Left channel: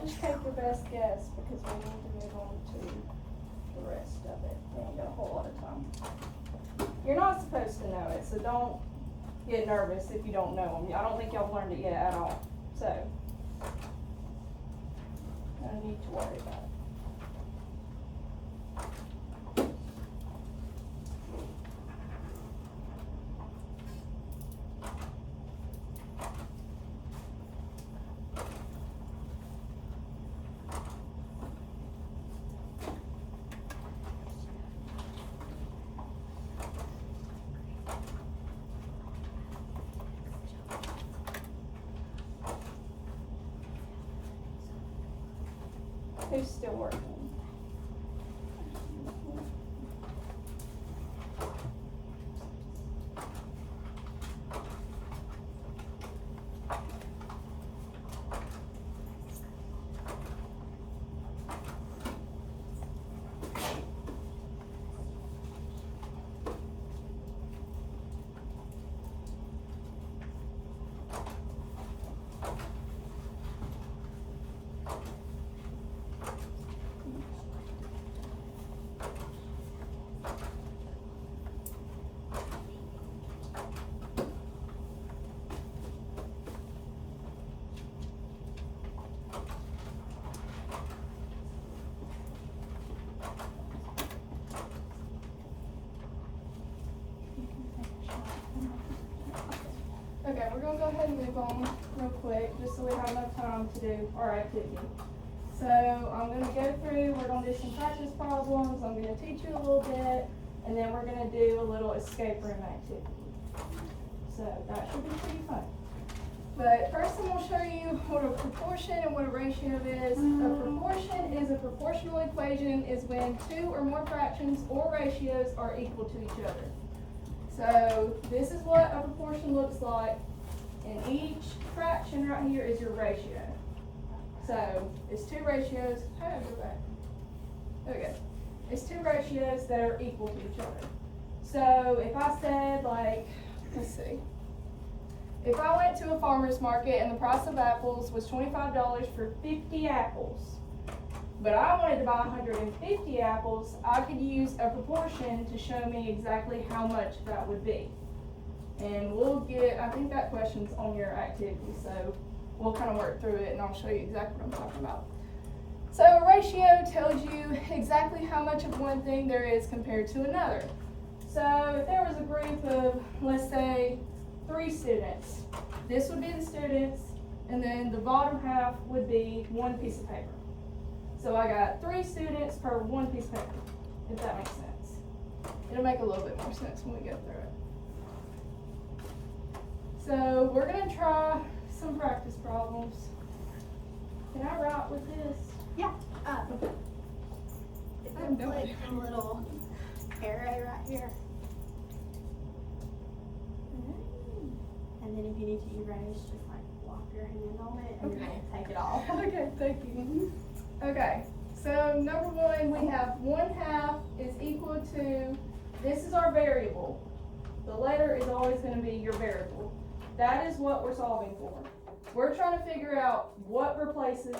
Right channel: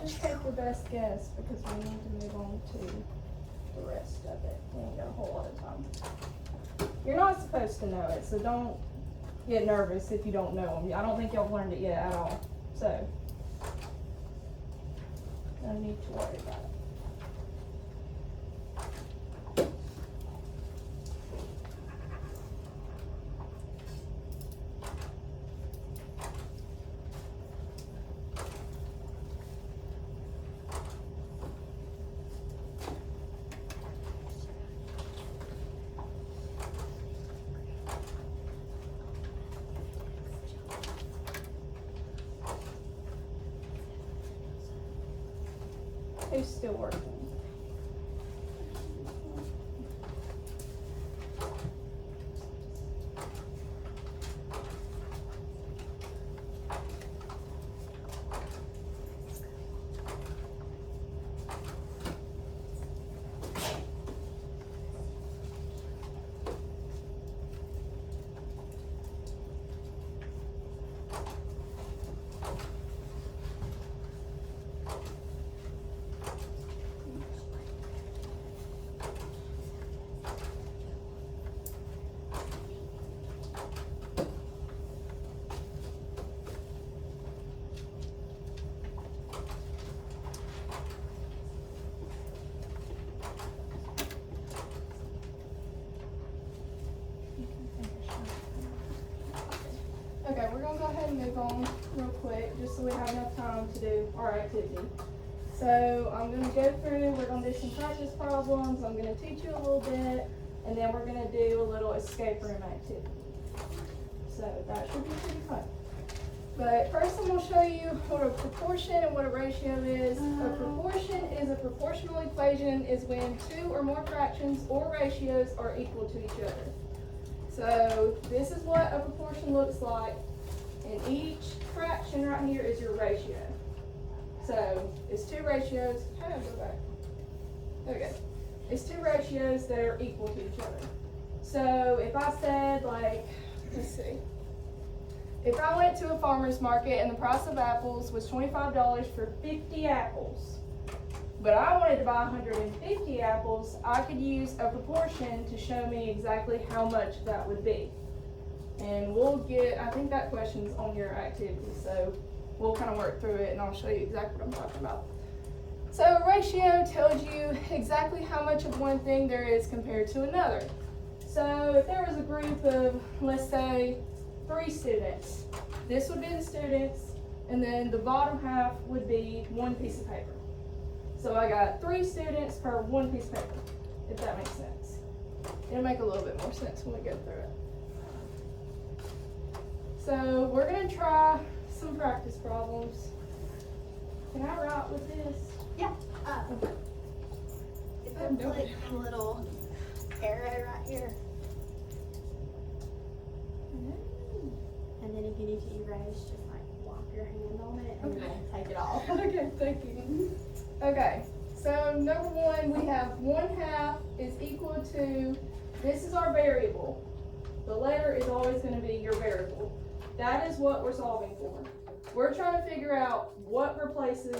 just take your best guess because we need to move on to the rest of it. We ain't got a whole lot of time. You're not supposed to know it, so don't get nervous if you don't know them. I don't think y'all learned it yet at all. So, no need to worry about it. Who's still working? Okay, we're gonna go ahead and move on real quick, just so we have enough time to do our activity. So I'm gonna go through, we're gonna do some practice problems, I'm gonna teach you a little bit, and then we're gonna do a little escape room activity. So that should be pretty fun. But first I'm gonna show you what a proportion and what a ratio is. A proportion is a proportional equation is when two or more fractions or ratios are equal to each other. So this is what a proportion looks like, and each fraction right here is your ratio. So it's two ratios, how do I go back? Okay, it's two ratios that are equal to each other. So if I said like, let's see, if I went to a farmer's market and the price of apples was $25 for 50 apples, but I wanted to buy 150 apples, I could use a proportion to show me exactly how much that would be. And we'll get, I think that question's on your activity, so we'll kind of work through it and I'll show you exactly what I'm talking about. So a ratio tells you exactly how much of one thing there is compared to another. So if there was a group of, let's say, 3 students, this would be the students, and then the bottom half would be one piece of paper. So I got 3 students per one piece of paper, if that makes sense. It'll make a little bit more sense when we go through it. So we're gonna try some practice problems. Can I write with this? Yeah. Okay. I'm doing like a little arrow right here. And then if you need to erase, just like walk your hand on it and then take it off. Okay, thank you. Okay, so number one, we have 1/2 is equal to, this is our variable. The letter is always going to be your variable. That is what we're solving for. We're trying to figure out what replaces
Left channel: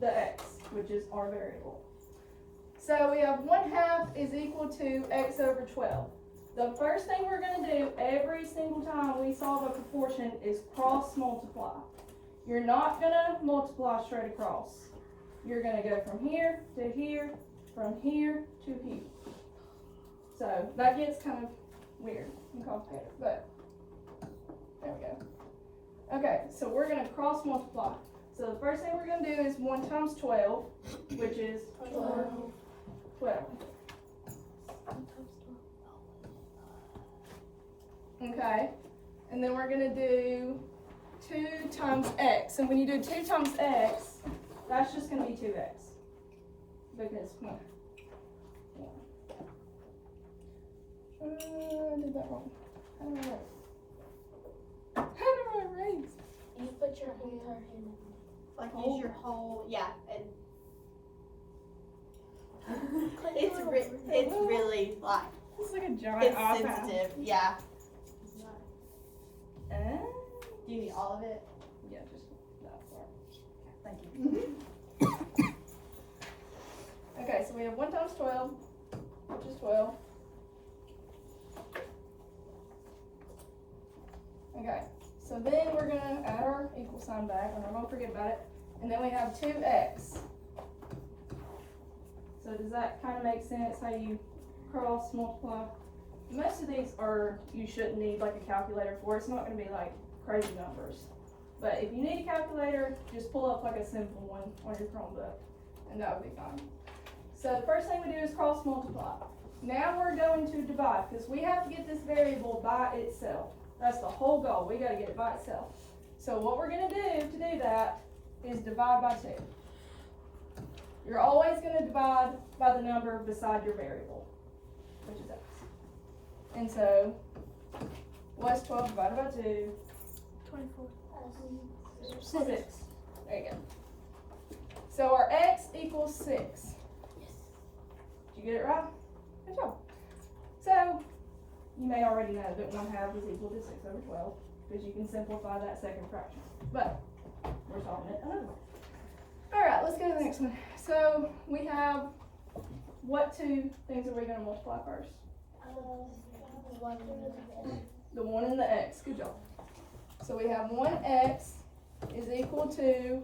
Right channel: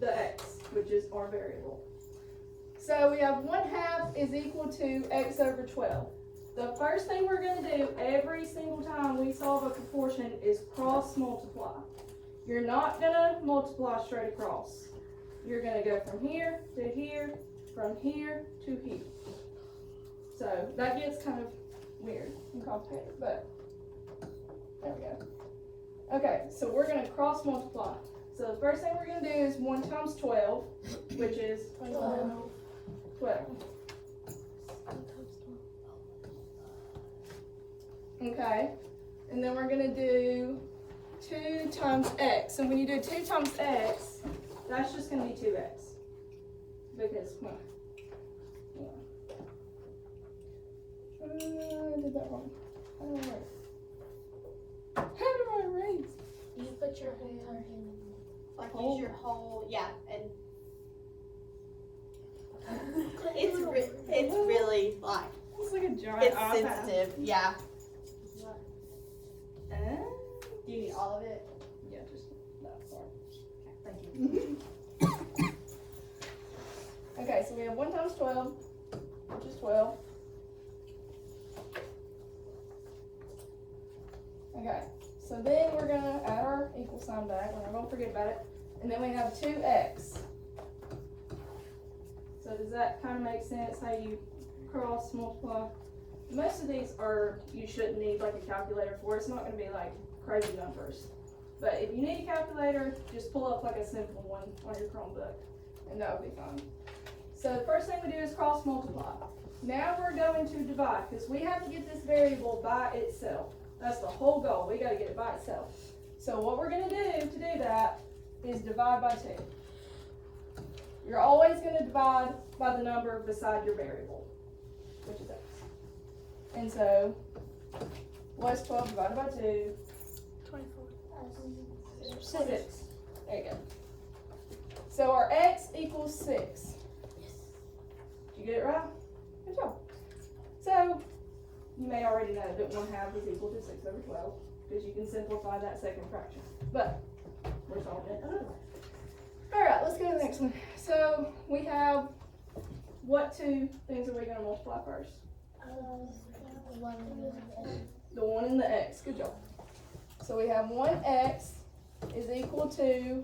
the x, which is our variable. So we have 1/2 is equal to x over 12. The first thing we're going to do every single time we solve a proportion is cross multiply. You're not going to multiply straight across. You're going to go from here to here, from here to here. So that gets kind of weird and complicated, but there we go. Okay, so we're going to cross multiply. So the first thing we're going to do is 1 times 12, which is 12. Okay, and then we're going to do 2 times x. And when you do 2 times x, that's just going to be 2x. Because, well, I did that wrong. How do I write? How do I write? You put your whole entire hand in. Like use your whole, yeah, and it's really like, It's like a giant it's iPad. sensitive, yeah. Uh, Do you need all of it? yeah, just that part. Thank you. Okay, so we have 1 times 12, which is 12. Okay, so then we're gonna add our equal sign back, we're not gonna forget about it. And then we have 2x. So does that kind of make sense how you cross multiply? Most of these are, you shouldn't need like a calculator for. It's not gonna be like crazy numbers. But if you need a calculator, just pull up like a simple one on your Chromebook and that would be fine. So the first thing we do is cross multiply. Now we're going to divide because we have to get this variable by itself. That's the whole goal. We gotta get it by itself. So what we're gonna do to do that is divide by 2. You're always gonna divide by the number beside your variable, which is x. And so, what's 12 divided by 2? 24. 6. There you go. So our x equals 6. Yes. Did you get it right? Good job. So, you may already know that 1/2 is equal to 6 over 12, because you can simplify that second fraction. But, we're solving it another way. Alright, let's go to the next one. So, we have, what 2 things are we going to multiply first? The 1 and the x. Good job. So we have 1x is equal to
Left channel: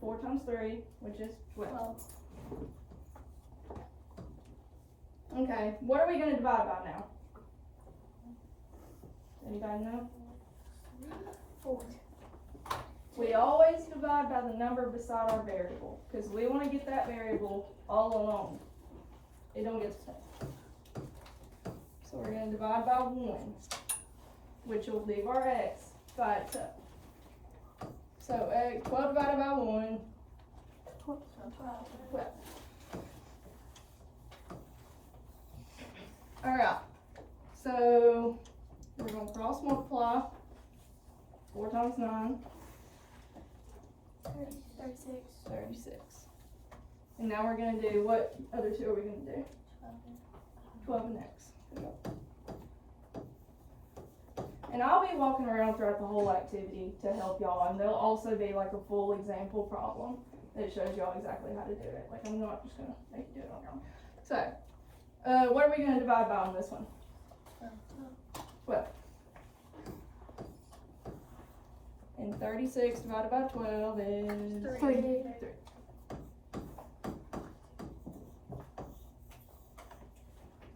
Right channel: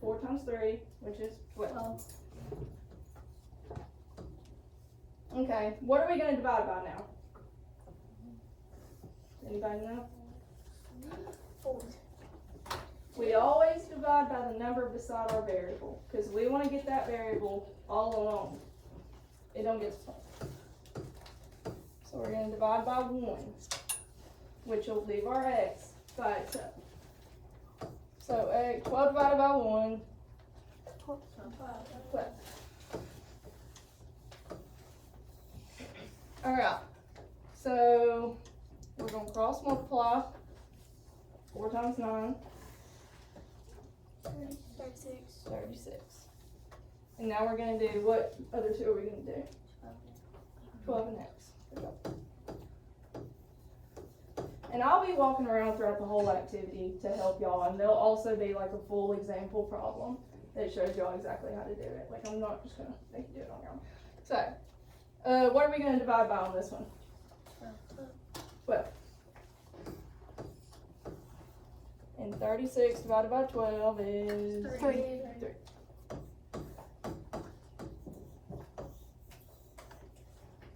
4 times 3, which is 12. Okay, what are we going to divide by now? Anybody know? 4. We always divide by the number beside our variable, because we want to get that variable all alone. It don't get stuck. So we're going to divide by 1, which will leave our x by itself. So 12 divided by 1, 12. Alright, so we're going to cross multiply. 4 times 9. 36. 36. And now we're going to do, what other 2 are we going to do? 12 and x. Good job. And I'll be walking around throughout the whole activity to help y'all, and there'll also be like a full example problem that shows y'all exactly how to do it. Like, I'm not just going to make you do it on your own. So, what are we going to divide by on this one? 12. And 36 divided by 12 is 3.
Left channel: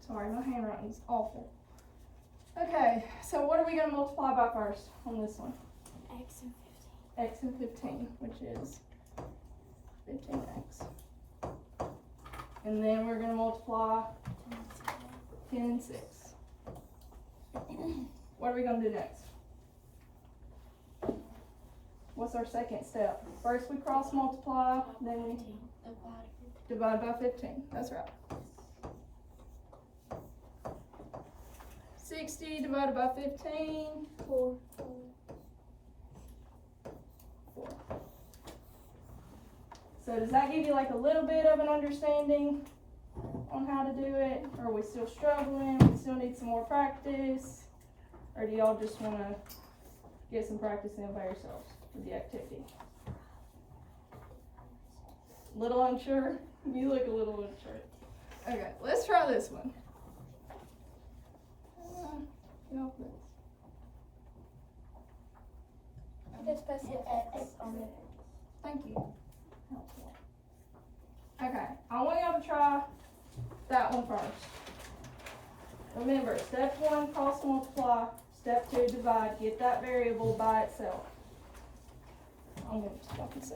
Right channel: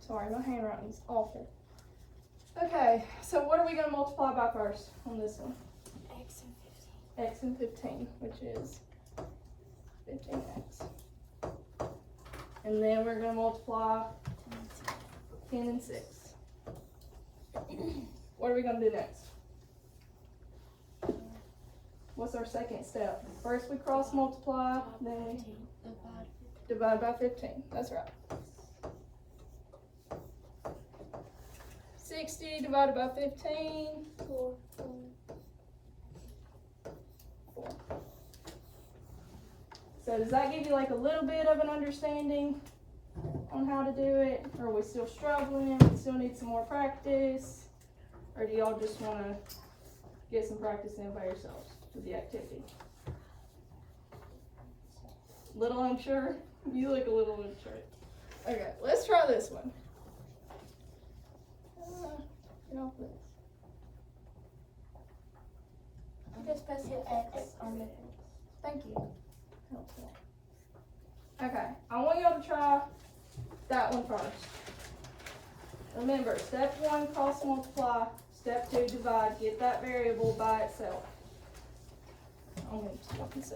Sorry, my handwriting's awful. Okay, so what are we going to multiply by first on this one? X and 15. X and 15, which is 15x. And then we're going to multiply 10 and 6. What are we going to do next? What's our second step? First we cross multiply, then we divide by 15. That's right. 60 divided by 15. 4. 4. So does that give you like a little bit of an understanding on how to do it? Or are we still struggling? We still need some more practice? Or do y'all just want to get some practice in by yourselves with the activity? Little unsure? You look a little unsure. Okay, let's try this one. Just press hit X on the. Thank you. Helpful. Okay, I want y'all to try that one first. Remember, step 1, cross multiply. Step 2, divide. Get that variable by itself. I'm going to stop and see.